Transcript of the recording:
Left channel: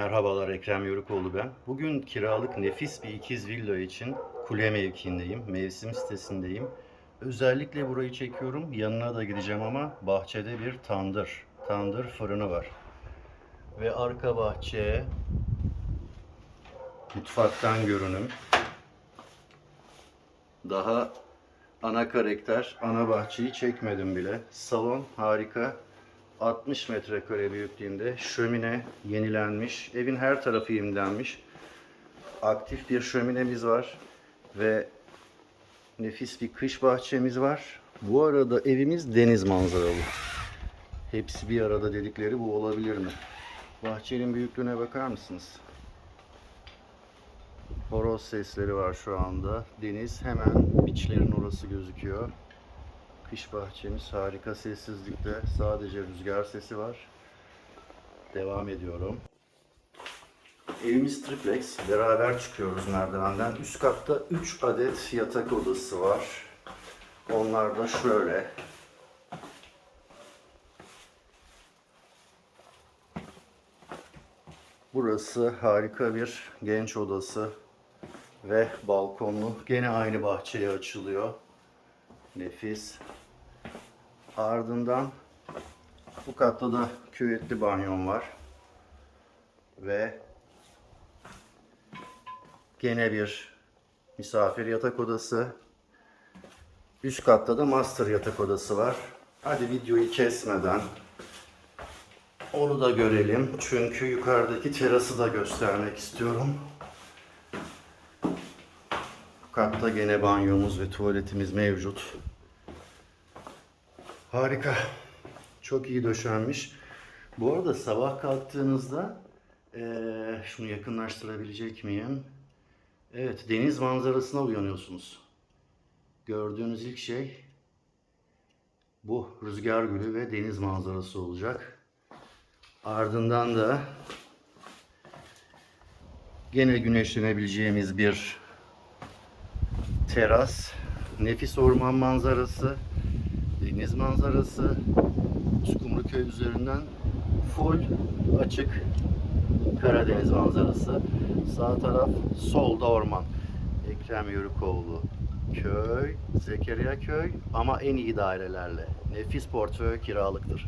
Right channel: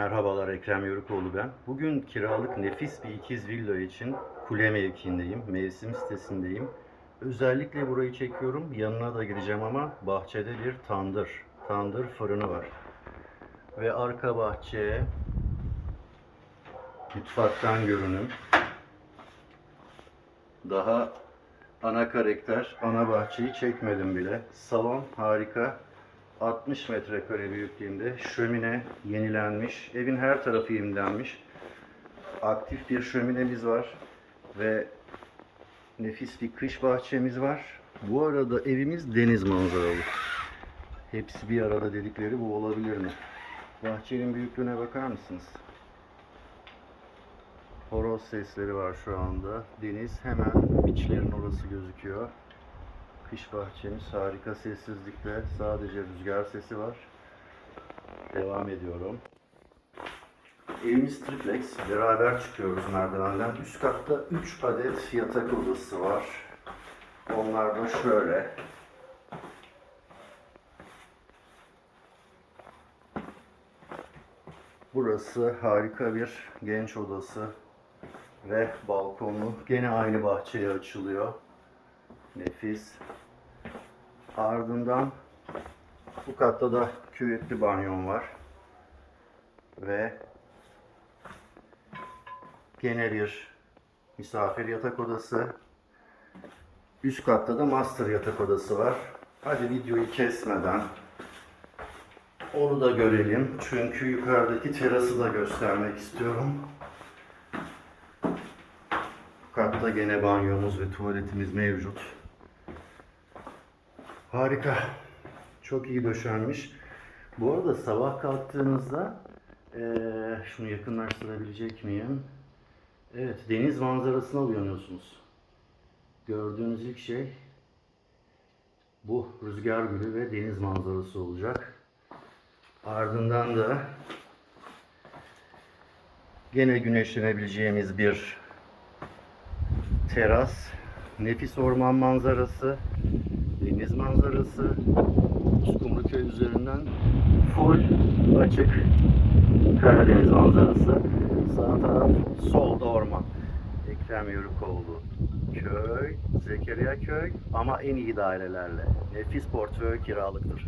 Merhabalar Ekrem Yörükoğlu ben. Bugün kiralık nefis bir ikiz villa için kule mevkiindeyim. Mevsim sitesindeyim. Özellikle burayı çekiyorum. Yanına da gideceğim ama bahçede bir tandır. Tandır fırını var. Ve arka bahçeye mutfaktan görünüm. Daha ana karakter, ana bahçeyi çekmedim bile. Salon harika. 60 metrekare büyüklüğünde şömine yenilenmiş. Evin her tarafı yenilenmiş. Aktif bir şöminemiz var ve nefis bir kış bahçemiz var. Bu arada evimiz deniz manzaralı. Hepsi bir arada dedikleri bu olabilir mi? Bahçenin büyüklüğüne bakar mısınız? Horoz sesleri var şu anda. Deniz hemen biçlerin orası gözüküyor. Kış bahçemiz harika sessizlikte. Sadece rüzgar sesi var. Devam ediyorum. Evimiz triplex. Beraber çıkıyoruz merdivenden. Üst katta 3 adet yatak odası var. Onlar da şöyle. Burası harika bir genç odası ve balkonlu. Gene aynı bahçeye açılıyor. Nefis. Ardından bu katta da küvetli banyon var. Ve gene bir misafir yatak odası. Üst katta da master yatak odası var. Hadi videoyu kesmeden onu da görelim. Çünkü yukarıdaki terası da göstermek istiyorum. Bu katta gene banyomuz ve tuvaletimiz mevcut. Harika. Çok iyi döşenmiş. Bu arada sabah kalktığınızda eee, şunu yakınlaştırabilecek miyim? Evet, deniz manzarasına uyanıyorsunuz. Gördüğünüz ilk şey bu rüzgar gülü ve deniz manzarası olacak. Ardından da gene güneşlenebileceğimiz bir teras, nefis orman manzarası, deniz manzarası, Uskumruköy üzerinden full açık Karadeniz manzarası. Sağ taraf solda orman. Ekrem Yörükoğlu köy, Zekeriya köy ama en iyi dairelerle. Nefis portföy kiralıktır.